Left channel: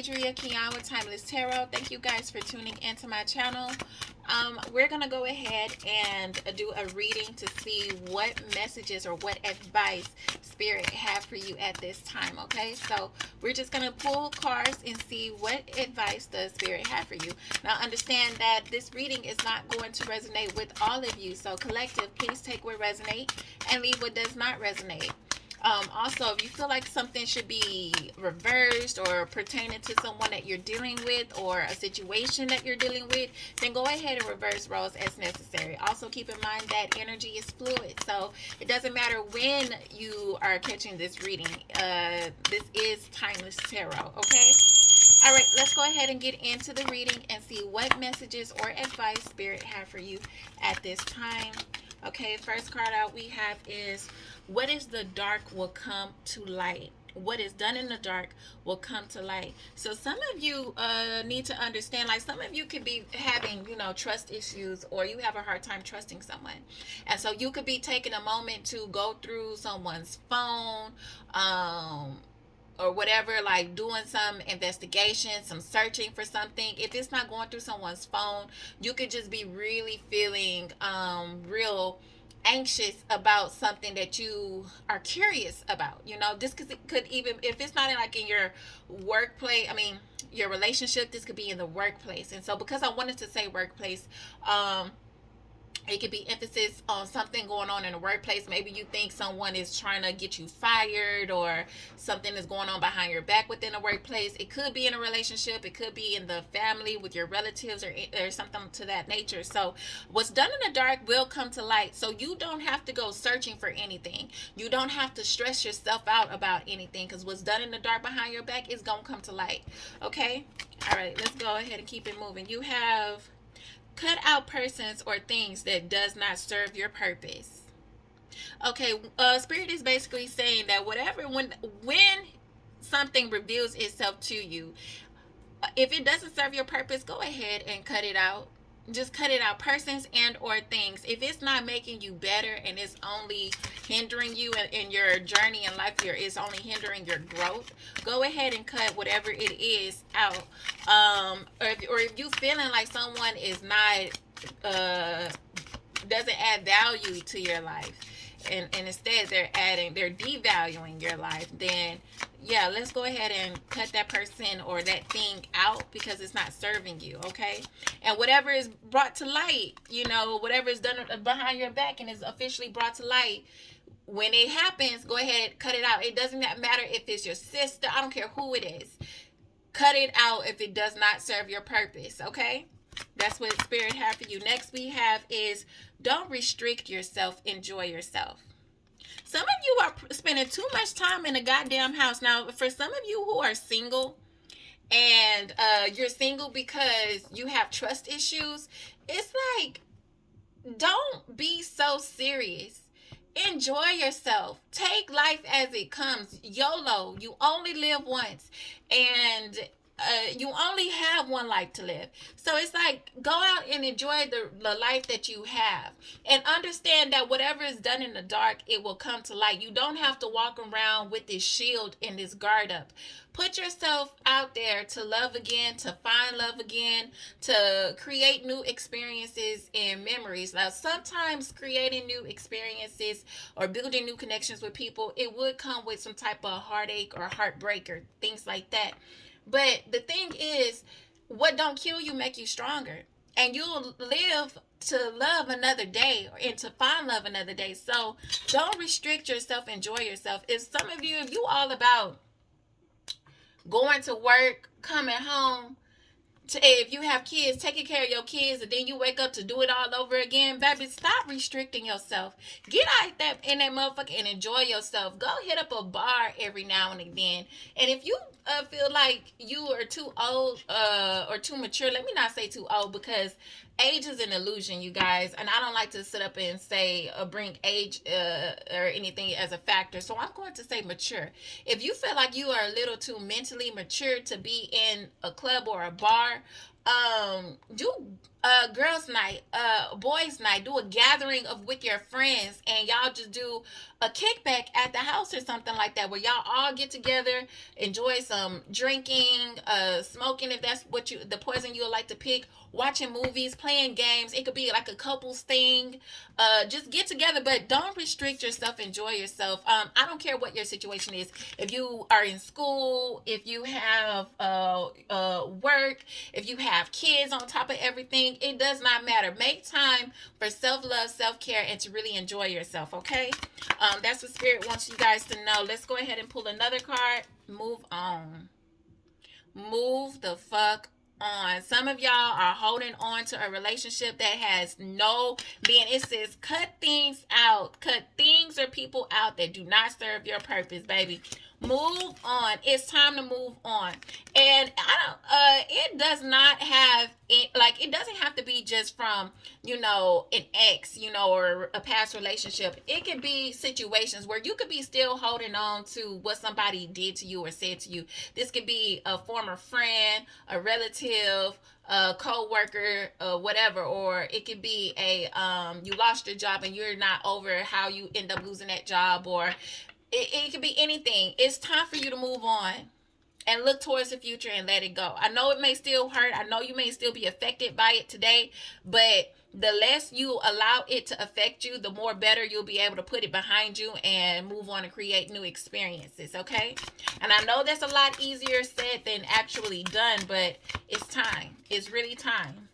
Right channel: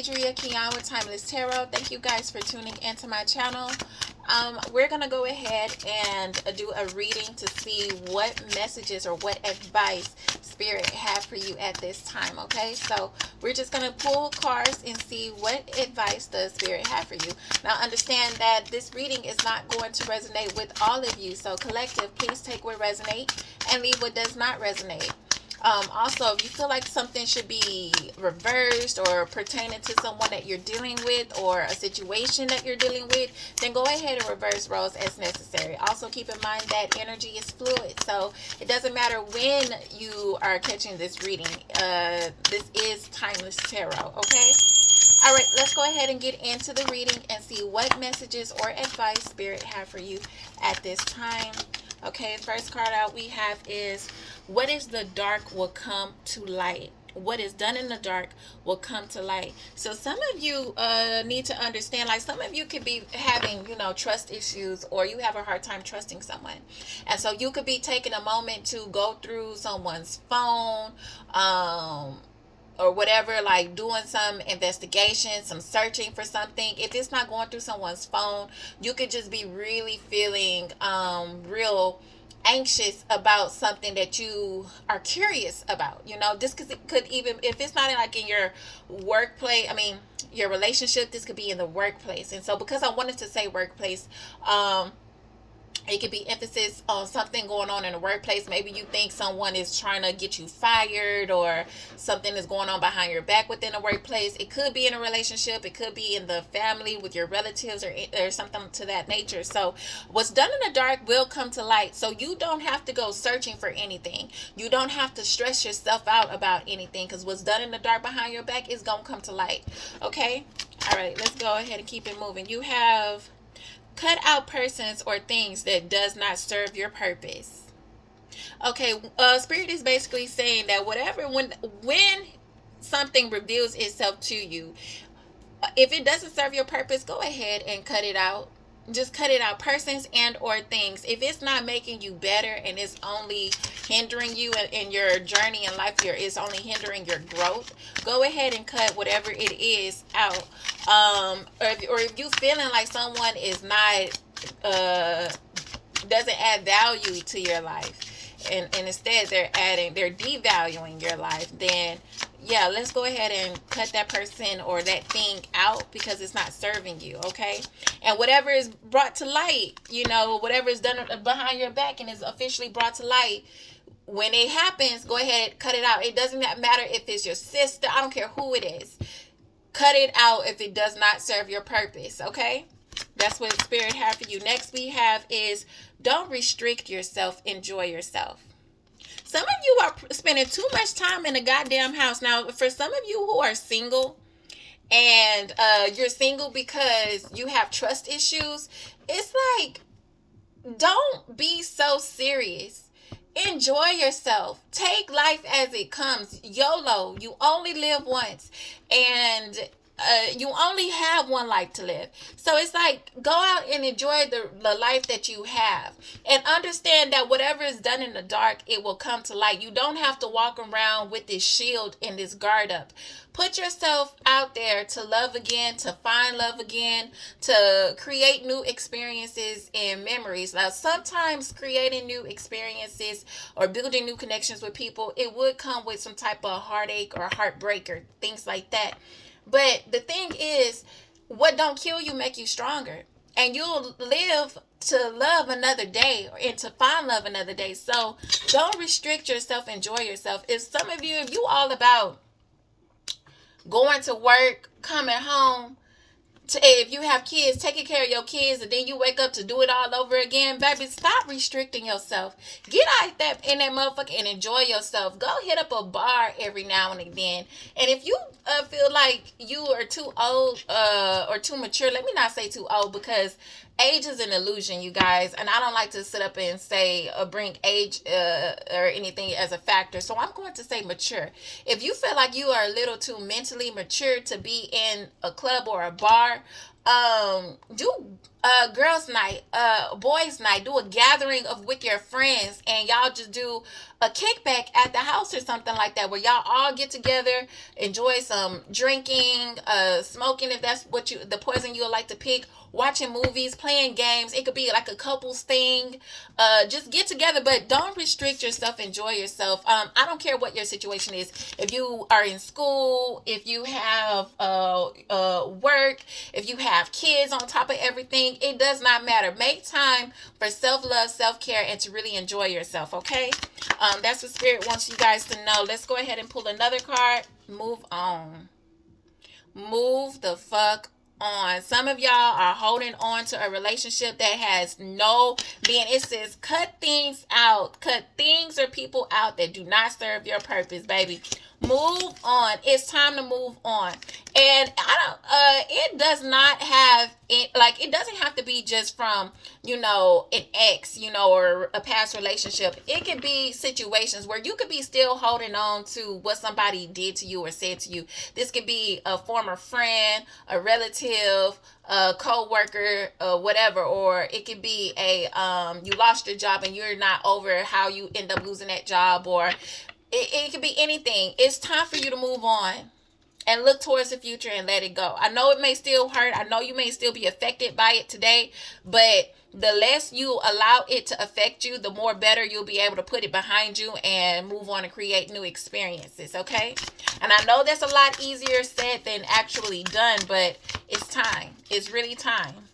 Adria Kian with Timeless Tarot. Thank you guys for tuning into my channel. We're going to go ahead and do a reading to see what messages or what advice Spirit have for you at this time, okay? So we're just going to pull cards and see what advice does Spirit have for you. Now understand that this reading is not going to resonate with all of you. So collective, please take what resonates and leave what does not resonate. Also, if you feel like something should be reversed or pertaining to someone that you're dealing with or a situation that you're dealing with, then go ahead and reverse roles as necessary. Also, keep in mind that energy is fluid, so it doesn't matter when you are catching this reading. This is Timeless Tarot, okay? All right, let's go ahead and get into the reading and see what messages or advice Spirit have for you at this time. Okay, first card out we have is, what is the dark will come to light. What is done in the dark will come to light. So some of you need to understand, like some of you could be having, trust issues, or you have a hard time trusting someone. And so you could be taking a moment to go through someone's phone, or whatever, like doing some investigation, some searching for something. If it's not going through someone's phone, you could just be really feeling real anxious about something that you are curious about. This could even, if it's not like in your workplace, your relationship, this could be in the workplace. And so because I wanted to say workplace, it could be emphasis on something going on in the workplace. Maybe you think someone is trying to get you fired, or something is going on behind your back within the workplace. It could be in a relationship. It could be in the family with your relatives, or something to that nature. So what's done in the dark will come to light. So you don't have to go searching for anything. You don't have to stress yourself out about anything, because what's done in the dark behind your back is going to come to light. Okay? All right, let's go ahead and keep it moving. You have, cut out persons or things that does not serve your purpose. Okay, Spirit is basically saying that when something reveals itself to you, if it doesn't serve your purpose, go ahead and cut it out. Just cut it out. Persons and or things. If it's not making you better and it's only hindering you in your journey in life, it's only hindering your growth, go ahead and cut whatever it is out. Or if you feeling like someone is not doesn't add value to your life, and instead they're devaluing your life, then yeah, let's go ahead and cut that person or that thing out, because it's not serving you, okay? And whatever is brought to light, whatever is done behind your back and is officially brought to light, when it happens, go ahead, cut it out. It doesn't matter if it's your sister. I don't care who it is. Cut it out if it does not serve your purpose, okay? That's what Spirit have for you. Next we have is, don't restrict yourself. Enjoy yourself. Some of you are spending too much time in a goddamn house. Now, for some of you who are single, and you're single because you have trust issues, it's like, don't be so serious. Enjoy yourself. Take life as it comes. YOLO. You only live once. And you only have one life to live. So it's like, go out and enjoy the life that you have. And understand that whatever is done in the dark, it will come to light. You don't have to walk around with this shield and this guard up. Put yourself out there to love again, to find love again, to create new experiences and memories. Now, sometimes creating new experiences or building new connections with people, it would come with some type of heartache or heartbreak or things like that. But the thing is, what don't kill you make you stronger. And you'll live to love another day and to find love another day. So don't restrict yourself. Enjoy yourself. If you all about going to work, coming home, if you have kids, taking care of your kids, and then you wake up to do it all over again, baby, stop restricting yourself. Get out in that motherfucker and enjoy yourself. Go hit up a bar every now and again. And if you feel like you are too old or too mature, let me not say too old, because age is an illusion, you guys, and I don't like to sit up and say bring age or anything as a factor. So I'm going to say mature. If you feel like you are a little too mentally mature to be in a club or a bar, do girls night, boys night, do a gathering of with your friends, and y'all just do a kickback at the house or something like that, where y'all all get together, enjoy some drinking, smoking, if that's what you, the poison you would like to pick, watching movies, playing games. It could be like a couples thing. Just get together, but don't restrict yourself. Enjoy yourself. I don't care what your situation is. If you are in school, if you have work, if you have kids on top of everything, it does not matter. Make time for self love, self care, and to really enjoy yourself. Okay, that's what Spirit wants you guys to know. Let's go ahead and pull another card. Move on. Move the fuck on. Some of y'all are holding on to a relationship that has no being. It says cut things out. Cut things or people out that do not serve your purpose, baby. Move on. It's time to move on. And I don't it does not have it, like, it doesn't have to be just from, an ex, or a past relationship. It could be situations where you could be still holding on to what somebody did to you or said to you. This could be a former friend, a relative, a co-worker, whatever. Or it could be a you lost your job and you're not over how you end up losing that job. Or it could be anything. It's time for you to move on and look towards the future and let it go. I know it may still hurt. I know you may still be affected by it today, but the less you allow it to affect you, the more better you'll be able to put it behind you and move on and create new experiences, okay? And I know that's a lot easier said than actually done, but it's time. It's really time.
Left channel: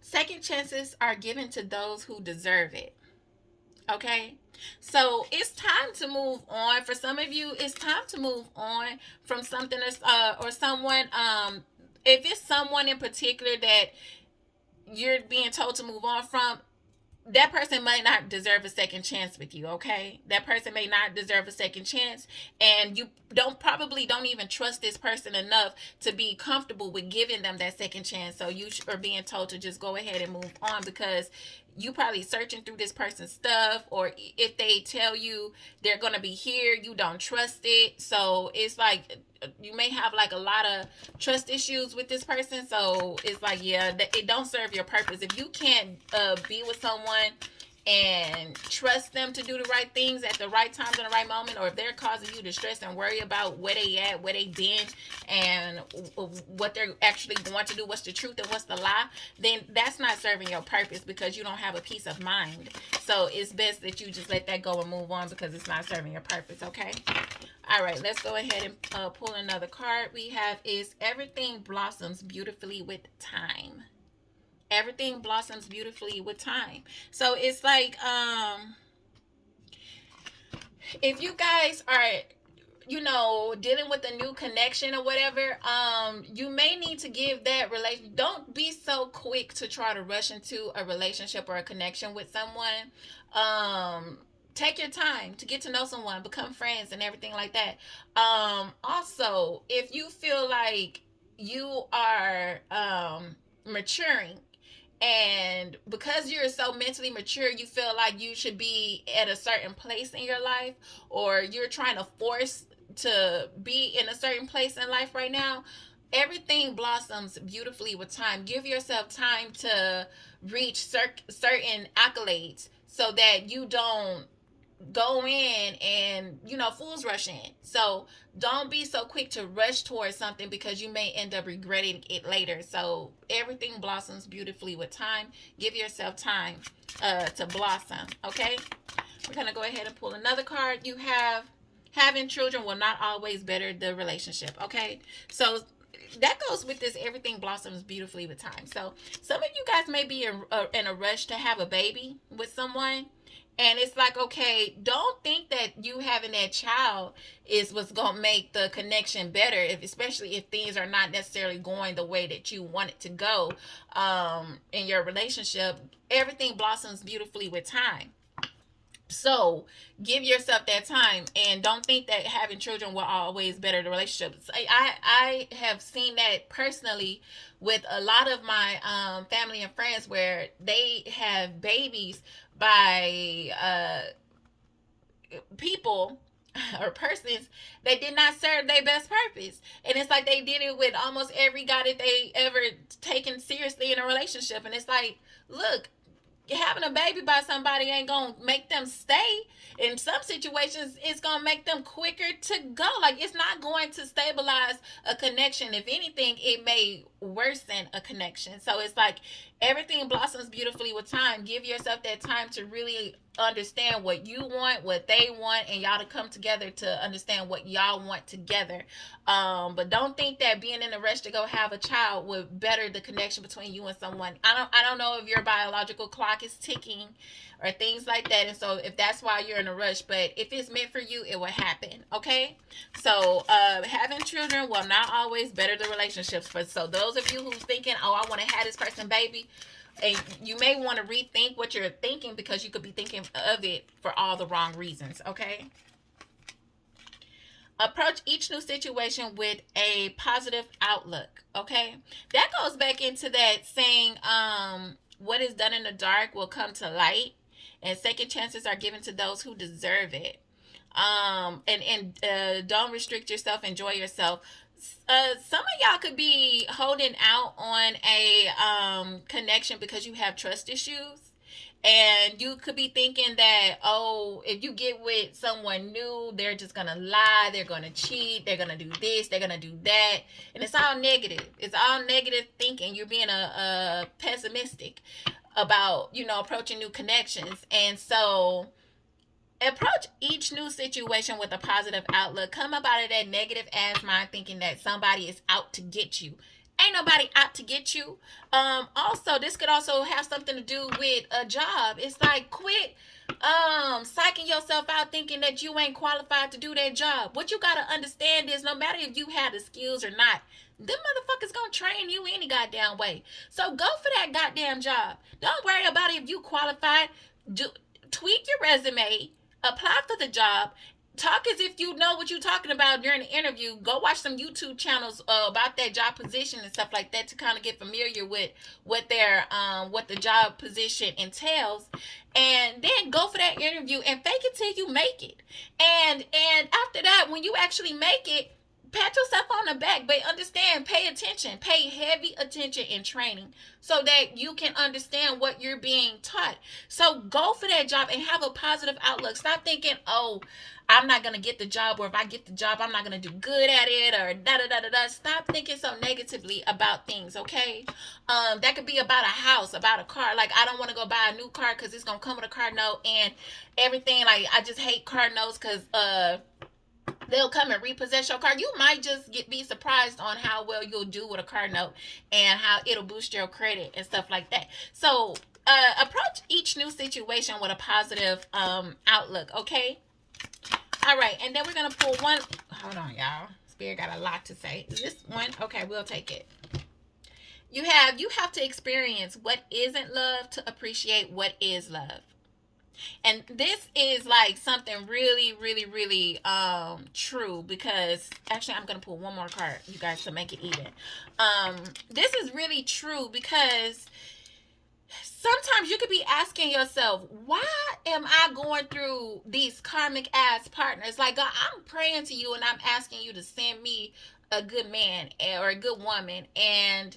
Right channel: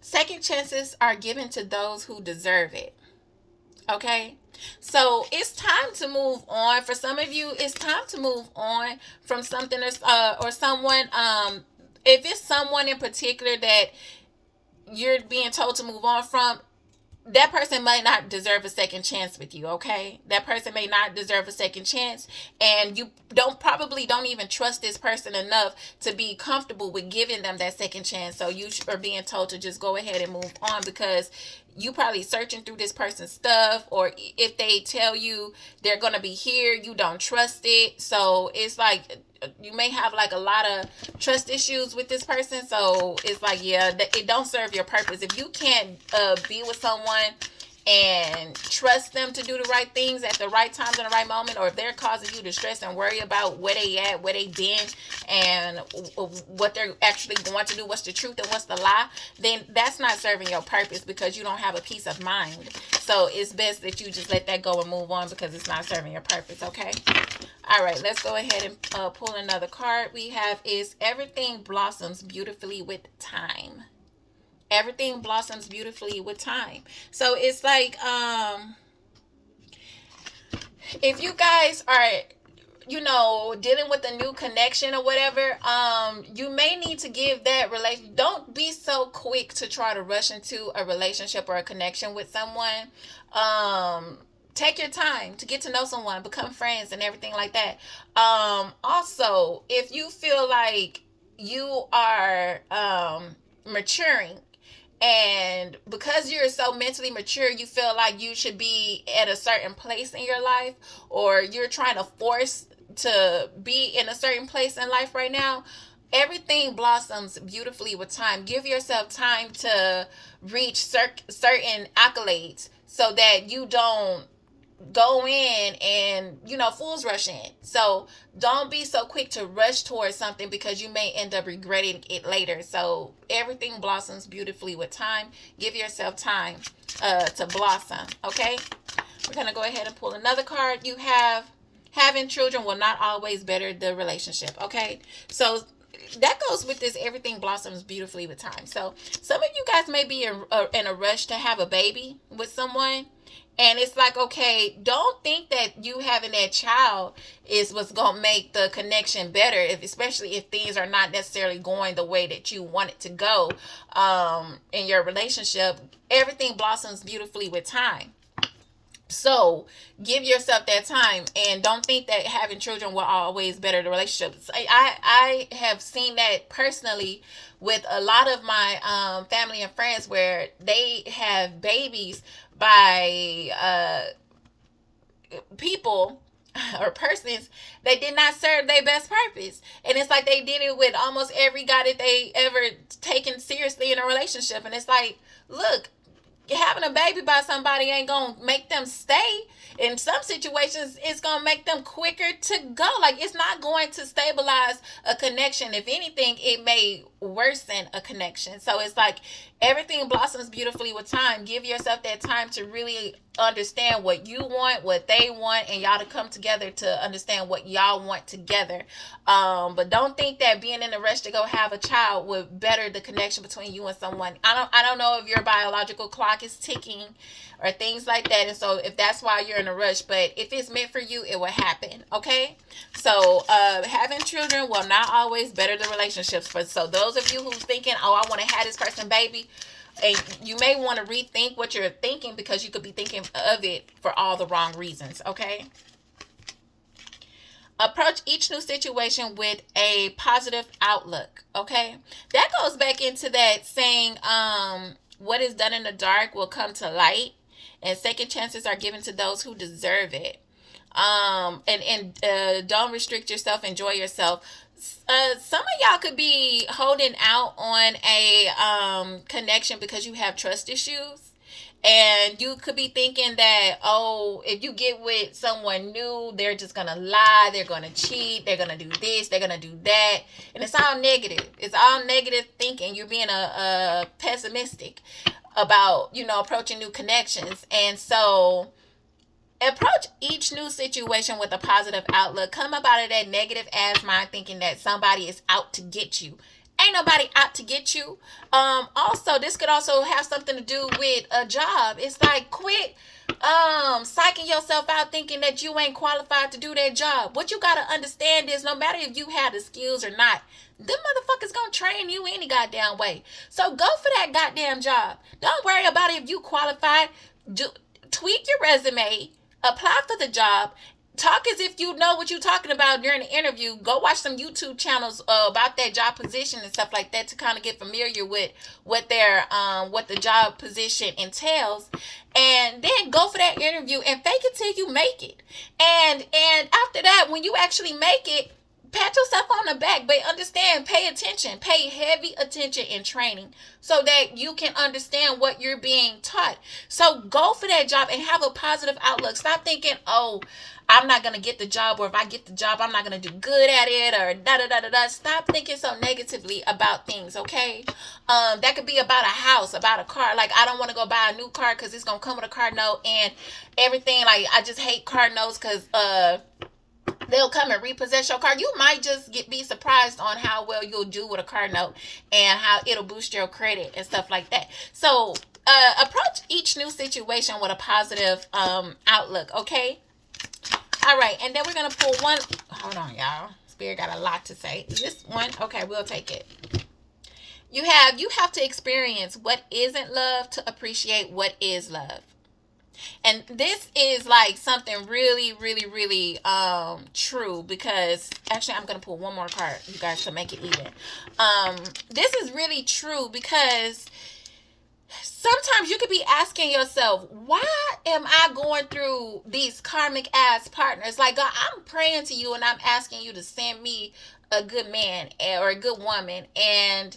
Second chances are given to those who deserve it. Okay, so it's time to move on. For some of you, it's time to move on from something or someone. If it's someone in particular that you're being told to move on from, that person may not deserve a second chance with you. Okay, that person may not deserve a second chance, and you don't even trust this person enough to be comfortable with giving them that second chance. So you are being told to just go ahead and move on, because you probably searching through this person's stuff, or if they tell you they're gonna be here, you don't trust it. So it's like you may have like a lot of trust issues with this person. So it's like, yeah, it don't serve your purpose. If you can't be with someone and trust them to do the right things at the right times in the right moment, or if they're causing you to stress and worry about where they at, where they been, and what they're actually going to do, what's the truth and what's the lie, then that's not serving your purpose, because you don't have a peace of mind. So it's best that you just let that go and move on, because it's not serving your purpose. Okay, all right, let's go ahead and pull another card. We have is everything blossoms beautifully with time. Everything blossoms beautifully with time. So it's like, if you guys are, dealing with a new connection or whatever, you may need to give that relation. Don't be so quick to try to rush into a relationship or a connection with someone. Take your time to get to know someone, become friends, and everything like that. Also, if you feel like you are maturing, and because you're so mentally mature, you feel like you should be at a certain place in your life, or you're trying to force to be in a certain place in life right now, everything blossoms beautifully with time. Give yourself time to reach certain accolades, so that you don't go in and fools rush in. So don't be so quick to rush towards something, because you may end up regretting it later. So everything blossoms beautifully with time. Give yourself time to blossom. Okay, we're gonna go ahead and pull another card. You have having children will not always better the relationship. Okay, so that goes with this everything blossoms beautifully with time. So some of you guys may be in a rush to have a baby with someone, and it's like, okay, don't think that you having that child is what's going to make the connection better, especially if things are not necessarily going the way that you want it to go in your relationship. Everything blossoms beautifully with time. So give yourself that time, and don't think that having children will always better the relationship. I have seen that personally with a lot of my family and friends, where they have babies by people or persons that did not serve their best purpose. And it's like they did it with almost every guy that they ever taken seriously in a relationship. And it's like, look, having a baby by somebody ain't gonna make them stay. In some situations, it's gonna make them quicker to go. Like, it's not going to stabilize a connection. If anything, it may worsen a connection. So it's like everything blossoms beautifully with time. Give yourself that time to really understand what you want, what they want, and y'all to come together to understand what y'all want together. But don't think that being in a rush to go have a child would better the connection between you and someone. I don't know if your biological clock is ticking or things like that, and so if that's why you're in a rush, but if it's meant for you, it will happen. Okay, so having children will not always better the relationships. For so those of you who's thinking, oh, I want to have this person baby, and you may want to rethink what you're thinking, because you could be thinking of it for all the wrong reasons. Okay, approach each new situation with a positive outlook. Okay, that goes back into that saying, what is done in the dark will come to light, and second chances are given to those who deserve it. And don't restrict yourself, enjoy yourself. Some of y'all could be holding out on a connection because you have trust issues, and you could be thinking that, oh, if you get with someone new, they're just gonna lie, they're gonna cheat, they're gonna do this, they're gonna do that, and it's all negative. It's all negative thinking. You're being a pessimistic about, approaching new connections. And so approach each new situation with a positive outlook. Come up out of that negative ass mind thinking that somebody is out to get you. Ain't nobody out to get you. Also, this could also have something to do with a job. It's like, quit psyching yourself out thinking that you ain't qualified to do that job. What you gotta understand is, no matter if you have the skills or not, them motherfuckers gonna train you any goddamn way. So go for that goddamn job. Don't worry about if you qualified. Tweak your resume, apply for the job, talk as if you know what you're talking about during the interview. Go watch some YouTube channels about that job position and stuff like that to kind of get familiar with what the job position entails, and then go for that interview and fake it till you make it. And after that, when you actually make it, pat yourself on the back. But understand, pay attention, pay heavy attention in training so that you can understand what you're being taught. So go for that job and have a positive outlook. Stop thinking, oh, I'm not going to get the job, or if I get the job, I'm not going to do good at it, or da-da-da-da-da. Stop thinking so negatively about things, okay? That could be about a house, about a car. Like, I don't want to go buy a new car because it's going to come with a car note and everything. Like, I just hate car notes because they'll come and repossess your car. You might just be surprised on how well you'll do with a car note and how it'll boost your credit and stuff like that. So approach each new situation with a positive outlook, okay? All right, and then we're going to pull one. Hold on, y'all. Spirit got a lot to say. Is this one? Okay, we'll take it. You have to experience what isn't love to appreciate what is love. And this is like something really, really, really true, because actually I'm going to pull one more card, you guys, to make it even. This is really true, because sometimes you could be asking yourself, why am I going through these karmic ass partners? Like, God, I'm praying to you and I'm asking you to send me a good man or a good woman, and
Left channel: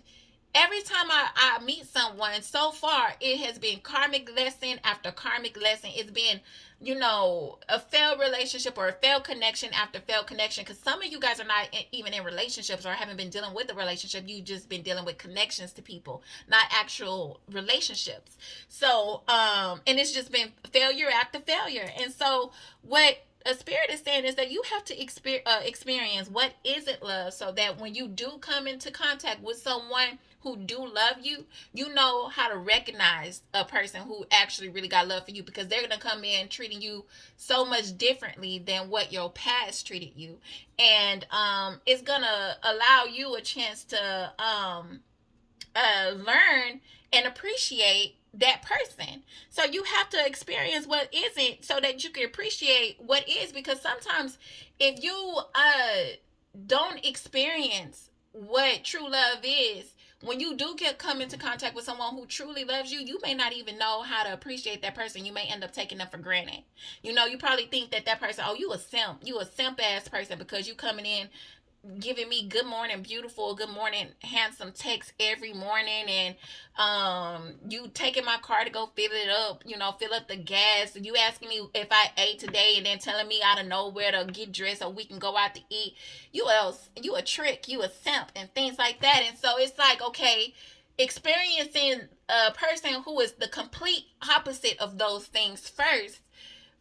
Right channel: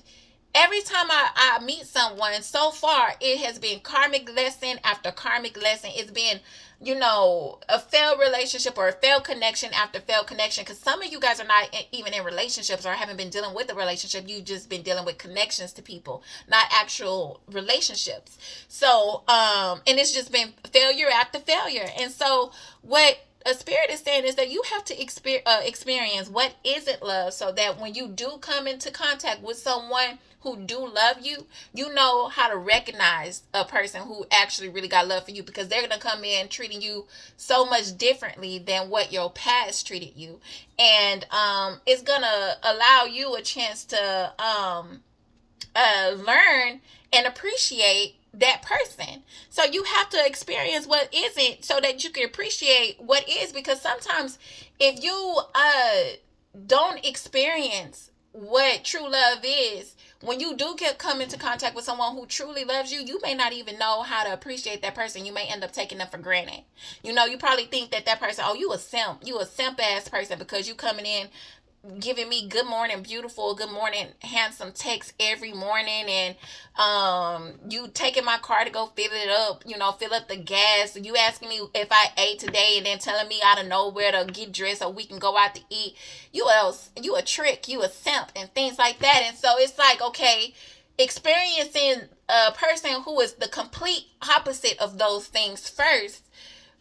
every time I meet someone, so far, it has been karmic lesson after karmic lesson. It's been, a failed relationship or a failed connection after failed connection. Because some of you guys are not even in relationships or haven't been dealing with a relationship. You've just been dealing with connections to people, not actual relationships. So, and it's just been failure after failure. And so what a spirit is saying is that you have to experience what isn't love, so that when you do come into contact with someone who do love you, you know how to recognize a person who actually really got love for you, because they're going to come in treating you so much differently than what your past treated you. And it's going to allow you a chance to learn and appreciate that person. So you have to experience what isn't so that you can appreciate what is, because sometimes if you don't experience what true love is, when you do come into contact with someone who truly loves you, you may not even know how to appreciate that person. You may end up taking them for granted. You probably think that person, oh, you a simp ass person, because you coming in giving me good morning beautiful, good morning handsome text every morning, and you taking my car to go fill it up, fill up the gas, you asking me if I ate today, and then telling me out of nowhere to get dressed so we can go out to eat. You a trick, you a simp, and things like that. And so it's like, okay, experiencing a person who is the complete opposite of those things first,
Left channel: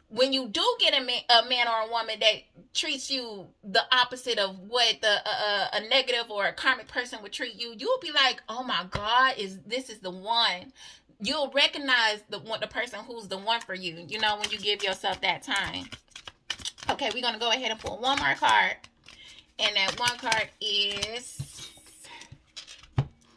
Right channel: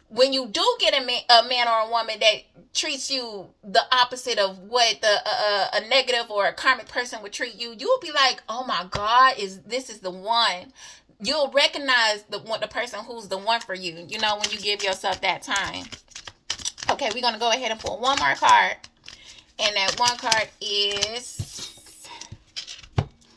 when you do get a man or a woman that treats you the opposite of what a negative or a karmic person would treat you, you'll be like, oh my God, this is the one. You'll recognize the person who's the one for you, when you give yourself that time. Okay, we're going to go ahead and pull one more card. And that one card is,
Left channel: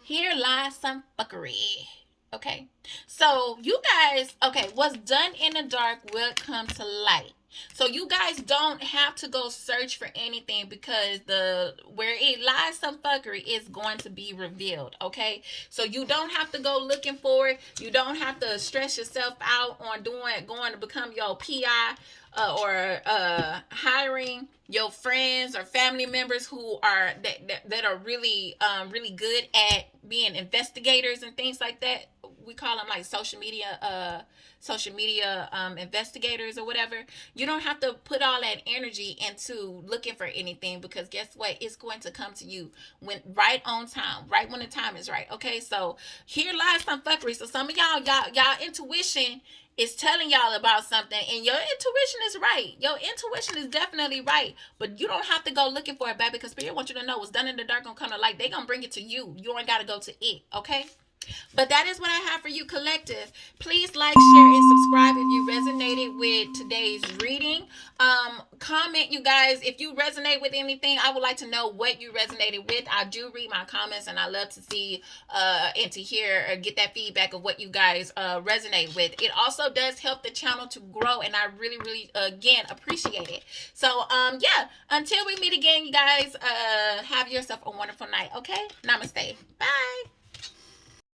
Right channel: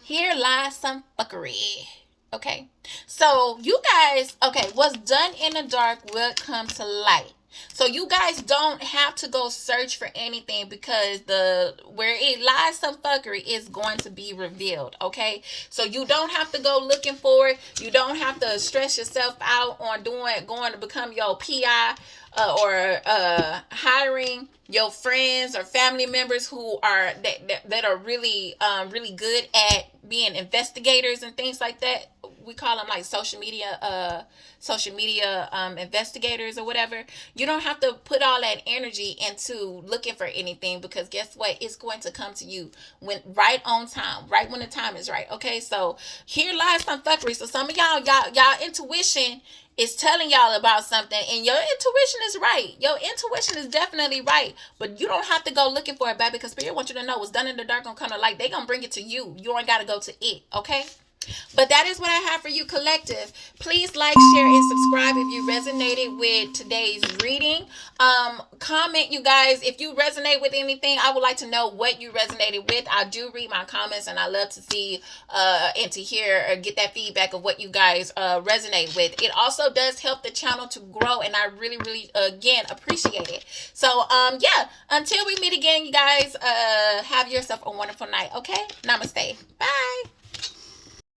here lies some fuckery. Okay, so you guys, okay, what's done in the dark will come to light. So you guys don't have to go search for anything, because where it lies some fuckery is going to be revealed. Okay, so you don't have to go looking for it. You don't have to stress yourself out on going to become your PI, or hiring your friends or family members who are that are really really good at being investigators and things like that. We call them like social media investigators or whatever. You don't have to put all that energy into looking for anything, because guess what? It's going to come to you right on time, right when the time is right. Okay, so here lies some fuckery. So some of y'all intuition is telling y'all about something, and your intuition is right. Your intuition is definitely right, but you don't have to go looking for it back, because Spirit wants you to know what's done in the dark gonna come to light. They gonna bring it to you. You ain't gotta go to it. Okay. But that is what I have for you, collective. Please like, share, and subscribe if you resonated with today's reading. Comment, you guys, if you resonate with anything. I would like to know what you resonated with. I do read my comments, and I love to see and to hear or get that feedback of what you guys resonate with. It also does help the channel to grow, and I really, really, again, appreciate it. So, yeah, until we meet again, you guys, have yourself a wonderful night, okay? Namaste. Bye.